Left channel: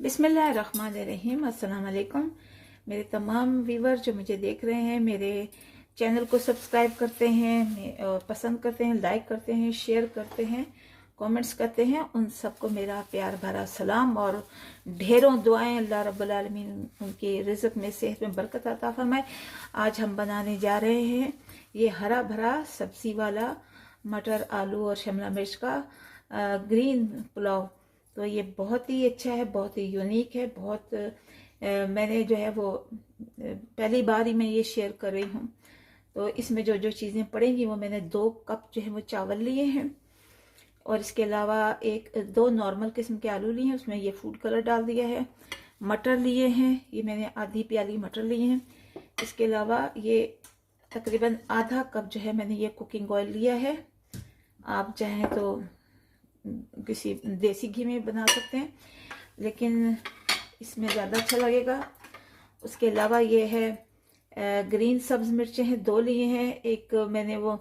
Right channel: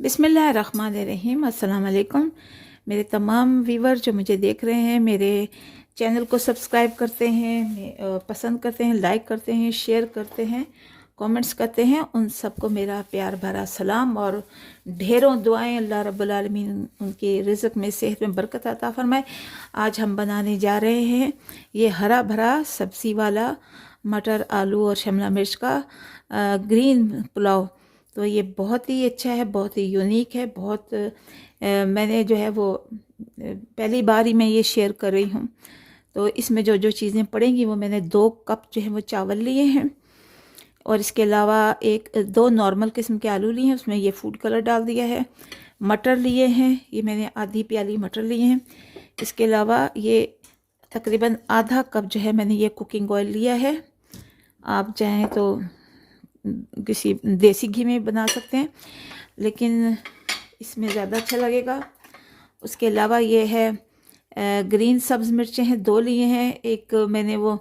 बिस्मिल्लाहिर्रहमानिर्रहीम। अस्सलाम वालेकुम। मेरे तमाम व्यूवर जो मुझे देख रहे हैं, मेरे चैनल को सब्सक्राइब करते हैं, पसंद करते हैं, लाइक करते हैं, शेयर करते हैं, कमेंट्स करते हैं, उन सबको मेरा प्यार भरा सलाम और ढेरों दुआएं। अल्लाह रब्बुल आलमीन उनके रिज़्क़ में, सेहत में बरकत अता फरमाए। आज हम बनाने जा रहे हैं ये हरा भरा सब्ज़ी वाला मटर, आलू और शिमला मिर्च का ग्रीन पुलाव। तो ये बहुत ही अच्छा है, बहुत ही यूनिक है। मैंने जो है वो पहली बार ही मैं ये शेयर कर रही हूँ। तो इसमें जो जो चीज़ें पड़ेंगी वो मैंने 2 कप जो है वो चावल लिए हैं और इसके अलावा 2 नॉर्मल किस्म के आलू लिए हैं, उसमें ये फूड कलर डाल दिया है। मटर लिए हैं, ये मैंने आधी प्याली मटर लिए हैं। इसके अलावा ये तकरीबन आधा कप जो है मैंने ये कुकिंग ऑयल लिया है। आप चाहें तो किसी देसी घी में बना सकते हैं, लेकिन इसमें ज़्यादा अच्छा लगेगा। उसके अलावा ये है ग्रीन सब्ज़ मिर्चें हैं, 2 लिए हैं। एक मैंने वो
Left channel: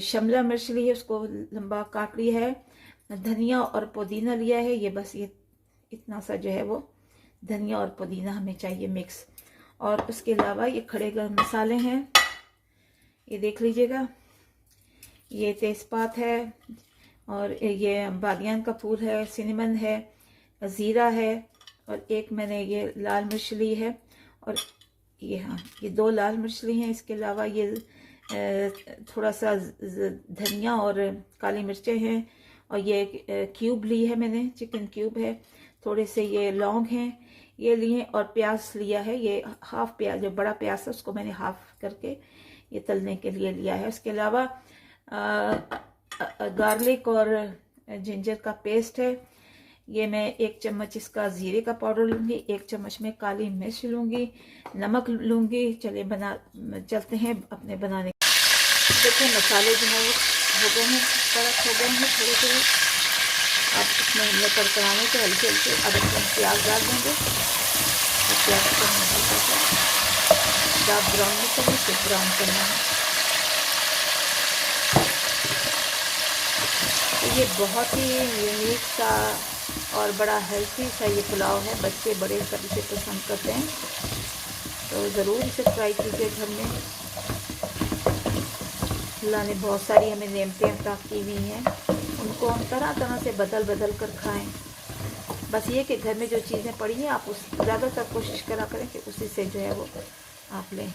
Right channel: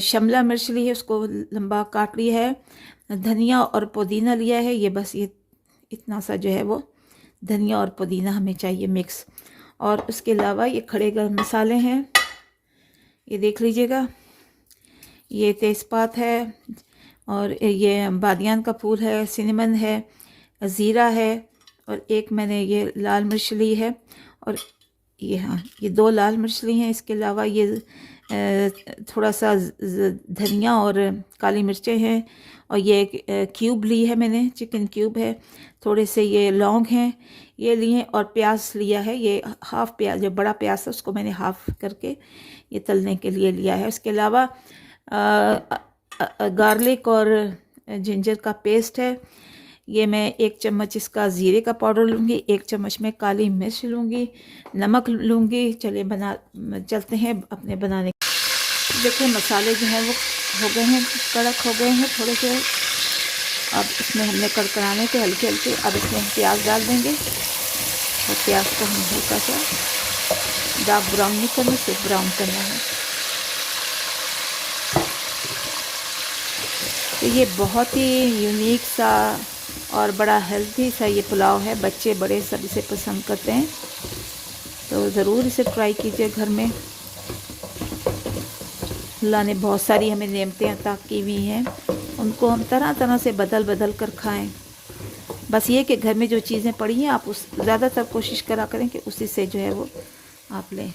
शिमला मिर्च ली है, उसको लंबा काट लिया है। धनिया और पुदीना लिया है। ये बस ये इतना सा जो है वो धनिया और पुदीना हमें चाहिए मिक्स। और उसके अलावा ये खड़े गरम मसाले हैं, ये देख लीजिएगा। ये तेज़पात है और ये बादियान का फूल है, सिनेमन है, ज़ीरा है और एक मैंने ये लाल मिर्च ली है और ये 2 लाल मिर्च ली हैं। इसके अलावा ये थोड़ा सा धनिया और काली मिर्चें हैं और ये क्यूब ली है मैंने, चिकन क्यूब है। थोड़े से ये लौंग हैं, ये लिए और प्याज लिया है। ये हाफ़ प्याज, जो बड़ा प्याज है उसको मैंने हाफ़ करके ये तलने के लिए लिया है। उसके अलावा गार्लिक और जिंजर का पेस्ट है। ये मैं 1 चम्मच इसका ज़ीरे का पाउडर लूँगी, 1 चम्मच में काली मिर्च लूँगी, नमक लूँगी। चलिए चलते हैं अपने बनाने। देखिए मसाले जो हैं वो हो गए हैं, कड़क हो गए हैं थोड़े थोड़े। अब इसमें हमने कड़कड़ाने के हल्के हल्के अब इसमें प्याज डाल देंगे और प्याज को हम हल्का सा डार्क ब्राउन नहीं करना, सिर्फ ब्राउन करना है। तो ये बहुत ही यूनिक सा और बड़ा हेल्थी सा ये पुलाव है। बच्चे बड़े सब इसे पसंद करते हैं, तो ज़रूर इसे ट्राई कीजिए घर में। अल्लाह ने बहुत सारी हमें नेमतें अता की हुई हैं, उनको हम तरह तरह से बदल बदल कर खाएं। बस ये कि घर में जो चीज़ें पड़ी हैं आप उस ज़्यादातर कोशिश करा करें कि उसी से जो है वो आप लें।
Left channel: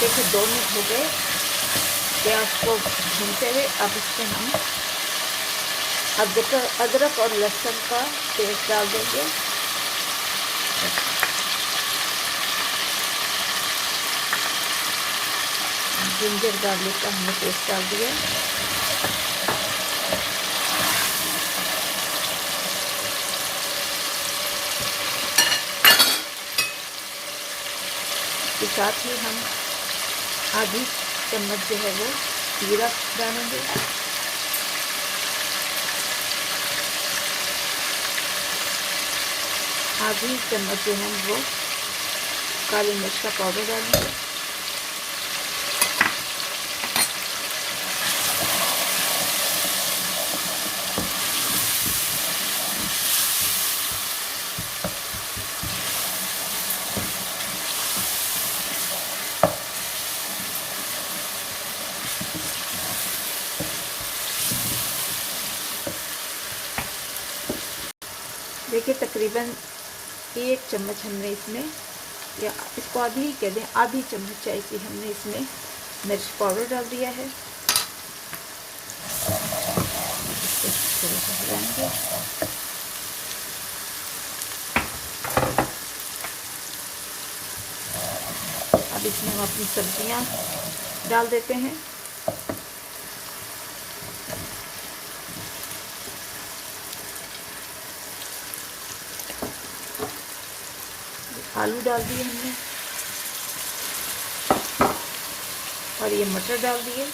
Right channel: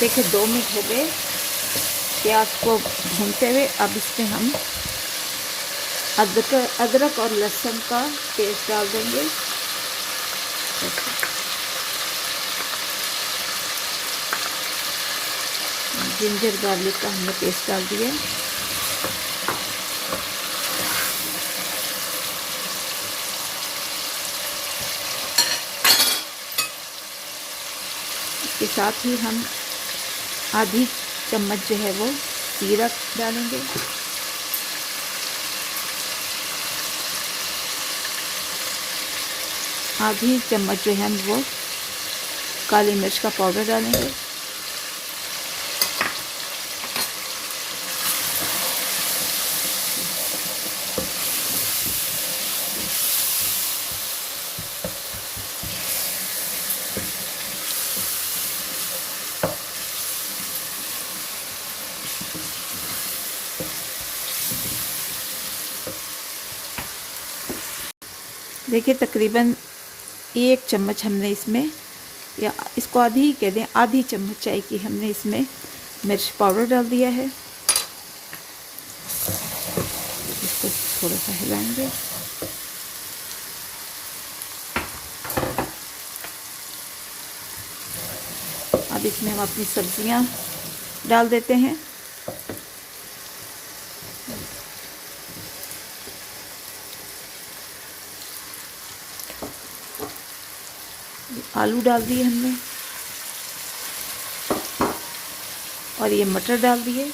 देखिए 2 मिनट हो गए प्याज को भूनते हुए। अब इसमें हम अदरक और लहसुन का पेस्ट डाल देंगे। जिंजर गार्लिक का हमने पेस्ट डाल दिया। इसके साथ ही हम आधी चम्मच जो है वो जीरा डालेंगे। आधी चम्मच जो है हम वो काली मिर्च का पाउडर डालेंगे। देखिए तकरीबन 1 चम्मच हमने इसमें, या इसको आधी ही कह दें, आधी चम्मच चाय की हमने इसमें मिर्च पाउडर डाल दिया है। इसको थोड़ा सा हिलाएंगे। अब इसमें हम अपनी सब्जियां डाल देते हैं। आलू डाल दिए हमने और ये मटर डाल दिए।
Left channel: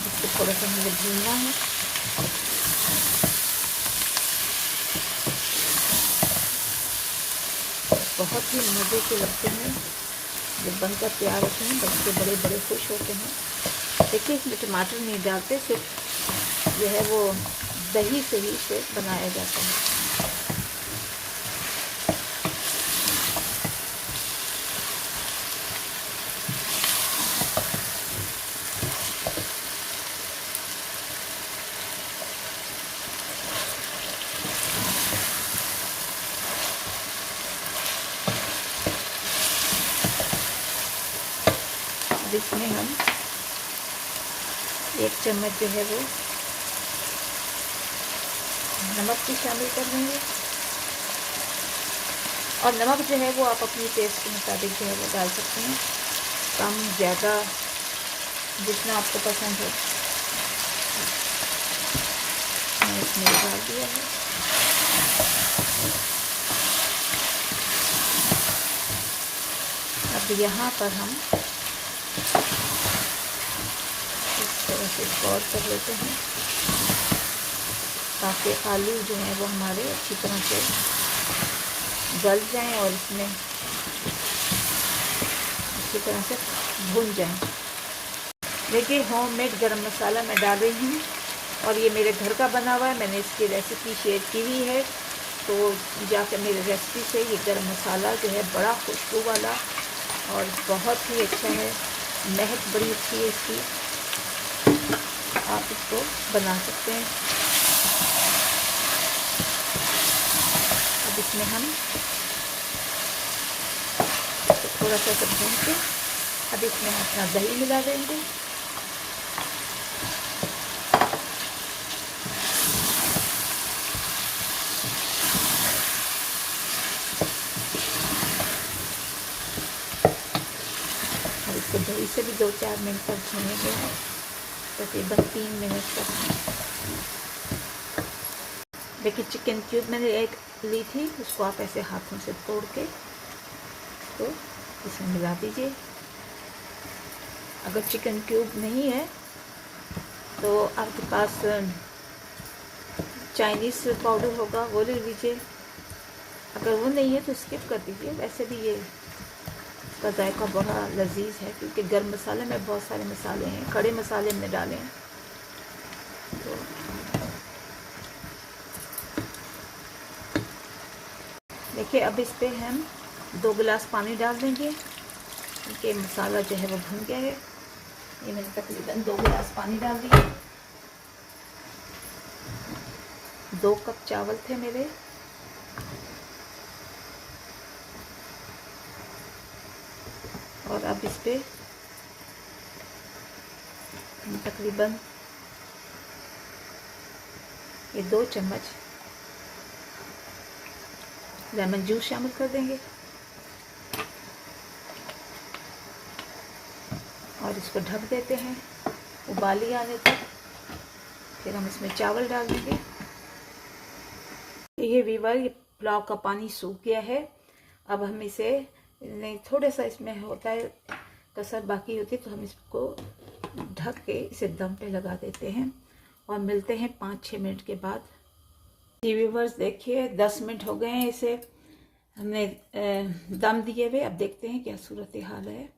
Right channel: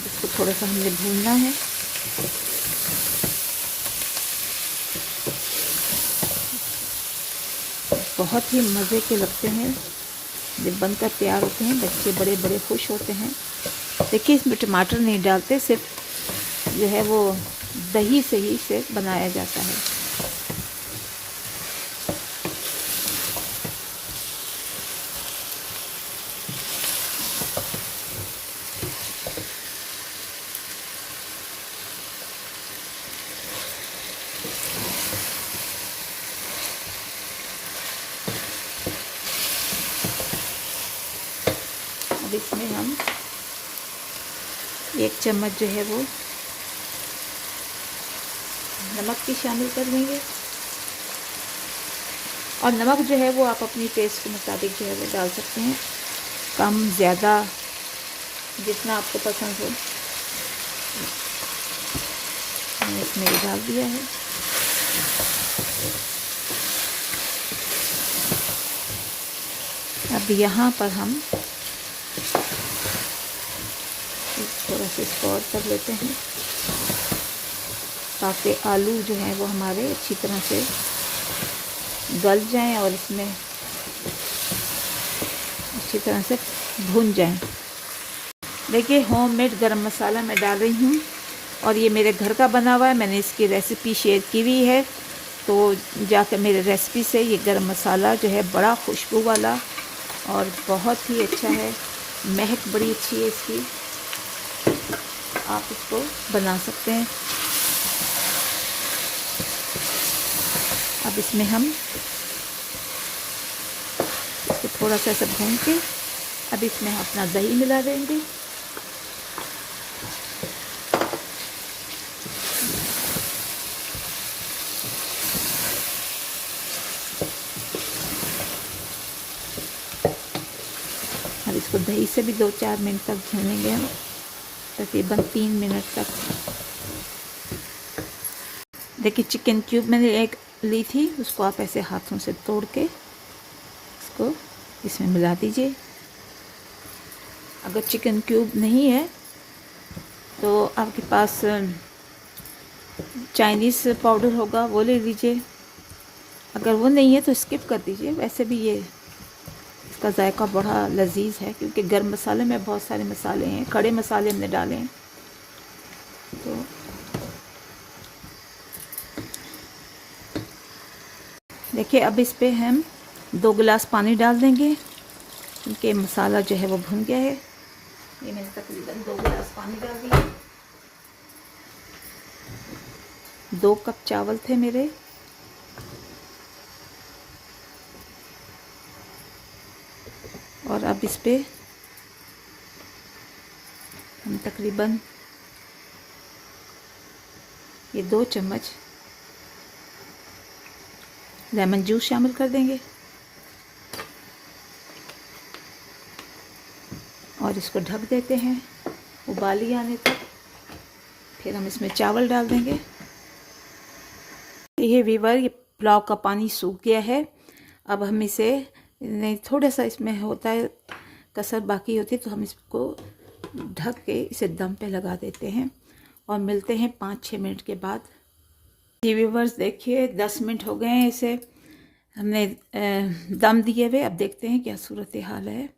इसको थोड़ा सा मुझे भूनना है। बहुत ही मज़े के लगते हैं जब बनकर तैयार होते हैं, बच्चे बड़े बड़े खुश होते हैं। देखिए इसमें टमाटर नहीं डालते, सिर्फ जो है वो दही से ही इसे बनाया जाता है। अब इसमें हम 1 चम्मच जो है वो नमक भी शामिल कर देंगे। और नमक जो है वो आप अपनी टेस्ट के मुताबिक जो है वो डाल सकते हैं, कम ज़्यादा जितना आपको पसंद हो। मैंने इसमें डाल दिया है। अब यहाँ पर हम थोड़ा सा इसको और कर लेते हैं ताकि आलू जो हैं वो हमारे अच्छी तरह से गल जाएं और इसमें अच्छी तरह से भून जाएं। देखिए होममेड गरम मसाला मैं डाल रही हूँ और ये मेरे घर का बना हुआ है। मैंने इसकी रेसिपी शेयर की हुई है, तो जाकर मेरे रेसिपी से ये गरम मसाला जो है बड़ा खुशबू वाला और बहुत ही अच्छा है, महक बड़ी अच्छी है इसकी। आप इसको बना सकते हैं। अब इसमें हम इसको थोड़ा सा सब भून के अब इसमें अपना दही मिला देंगे। अब इसको दही से भी 2-4 मिनट तक भूनेंगे, तकरीबन 3 मिनट तक। देखिए चिकन क्यूब मैंने एक ली थी, उसको आप ऐसे हाथों से तोड़ के इसको इसमें मिला दीजिए। अगर चिकन क्यूब नहीं है तो आपके पास चाइनीज़ पाउडर होगा वो ले लीजिए। अगर वो नहीं है तो स्किप कर दीजिए। वैसे भी ये इसका जायका बड़ा लजीज है क्योंकि गरम मसाले में बहुत सारे मसाले हैं, खड़े मसाले हमने डाले हैं। तो देखिए अब इस पे हम 2 गिलास पानी डाल देंगे क्योंकि मसाला जो है वो भुन गया है। ये मैंने तकरीबन 2 गिलास पानी डाल दिया। 2 कप चावल थे मेरे। और अब इस पे हम तकरीबन ये 2 चम्मच लेमन जूस शामिल कर देंगे और इसको ढक देते हैं उबाली आने तक। फिर हम इसमें चावल डाल देंगे। ये वीवर, ये पुलाव का पानी सूख गया है। अब हम इसे थोड़ा सा इसमें होता है कसर बाकी होती है, तो हम इसको ढक के इसे दम पे लगा देते हैं और मिलते हैं 5-6 मिनट के बाद। व्यूअर्स देखिए 10 मिनट हो गए हैं इसे हमने दम दिए हुए। अब देखते हैं क्या सूरत हाल है।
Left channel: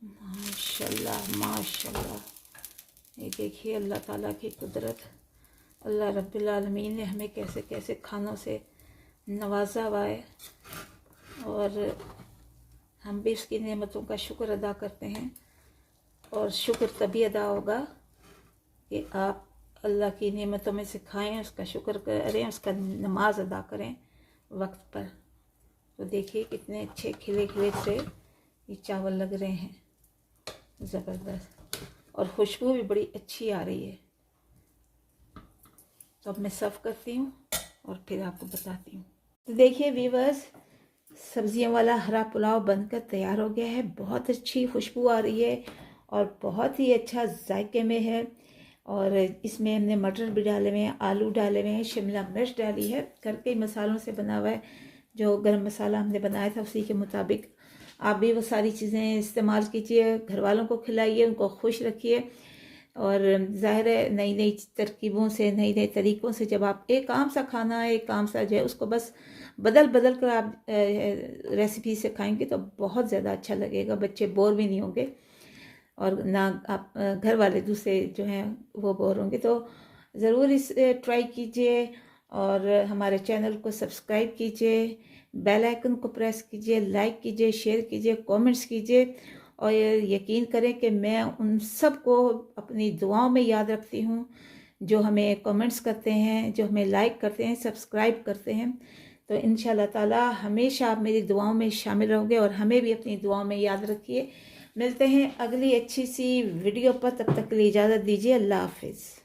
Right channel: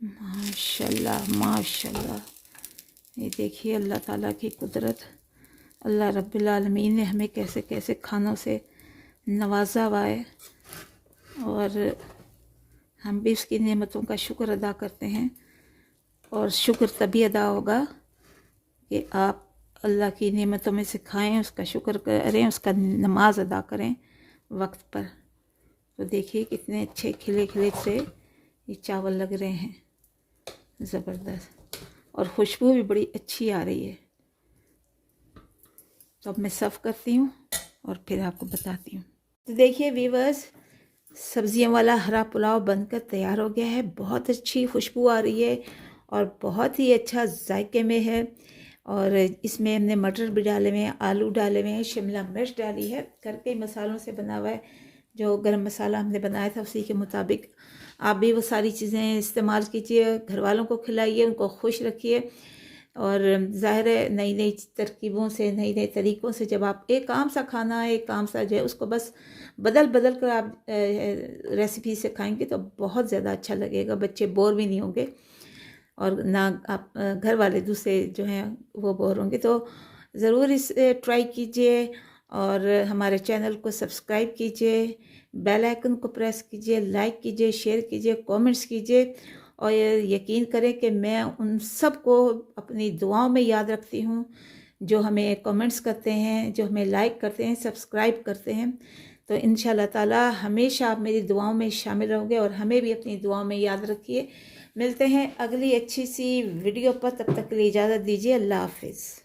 माशाल्लाह माशाल्लाह, ये देखिए अल्लाह ताला की कुदरत, अल्लाह रब्बिल आलमीन ने हमें कैसे कैसे खानों से नवाजा हुआ है और हम भी उसकी नेमतों का शुक्र अदा करते हैं। और शुक्र तभी अदा होगा कि आप अल्लाह की नेमतों में से खाएं, उसका शुक्र करें, उसका नमाज अदा करें वक्त पर। तो देखिए कितने अच्छे खिले खिले से ये चावल लग रहे हैं, ज़बरदस्त, और खुशबू भी बड़ी अच्छी आ रही है। तो अब मैं सर्व करती हूँ और फिर आपको बताती हूँ। तो देखिए व्यूअर्स, सब्जियों वाला हरा पुलाव बनकर तैयार हो गया है। बहुत अच्छी खुशबू आ रही है और बहुत ही अच्छा जायके में है। और इसमें हमने मटर भी डाले हुए हैं, आलू डाले हुए हैं, शिमला मिर्च डाली है। घर के मसालों से बना हुआ है। जो गरम मसाला हमने बनाया था उसी के मुताबिक आप भी वो सारी चीज़ें इस्तेमाल कीजिए, घर वालों को खिलाइए, उनको खुश रखिए। और ज़ाहिर है नई नई तरकीबों से, नई नई तरीक़ों से जब आप एक आम सा खाना है, एक आम सा जो है उसको बस बदल बदल कर आप रेसिपी से खाएंगे तो बहुत ज़्यादा अच्छा लगेगा। बच्चे बोर भी नहीं होंगे और ना आप घर वाले दूसरे जो हैं वो बोर होंगे। तो ज़रूर इसे ट्राई कीजिए और हमारे चैनल को सब्सक्राइब कीजिए, बेल आइकन को प्रेस कीजिए, लाइक कीजिए, शेयर कीजिए, कमेंट्स कीजिए और यकीन करें कि मैं उन सब को अपनी दुआओं में याद रखती हूँ जो हमें कमेंट्स करते हैं, जो हमें लाइक करते हैं, सब्सक्राइब करते हैं। तो इंशाल्लाह ताला हमेशा आप मेरी दुआओं में शामिल रहोगे और हमें भी अपनी दुआओं में याद रखिए। मिलते हैं अगली अच्छी सी वीडियो पर, तब तक के लिए इजाज़त दीजिए। अल्लाह हाफिज़।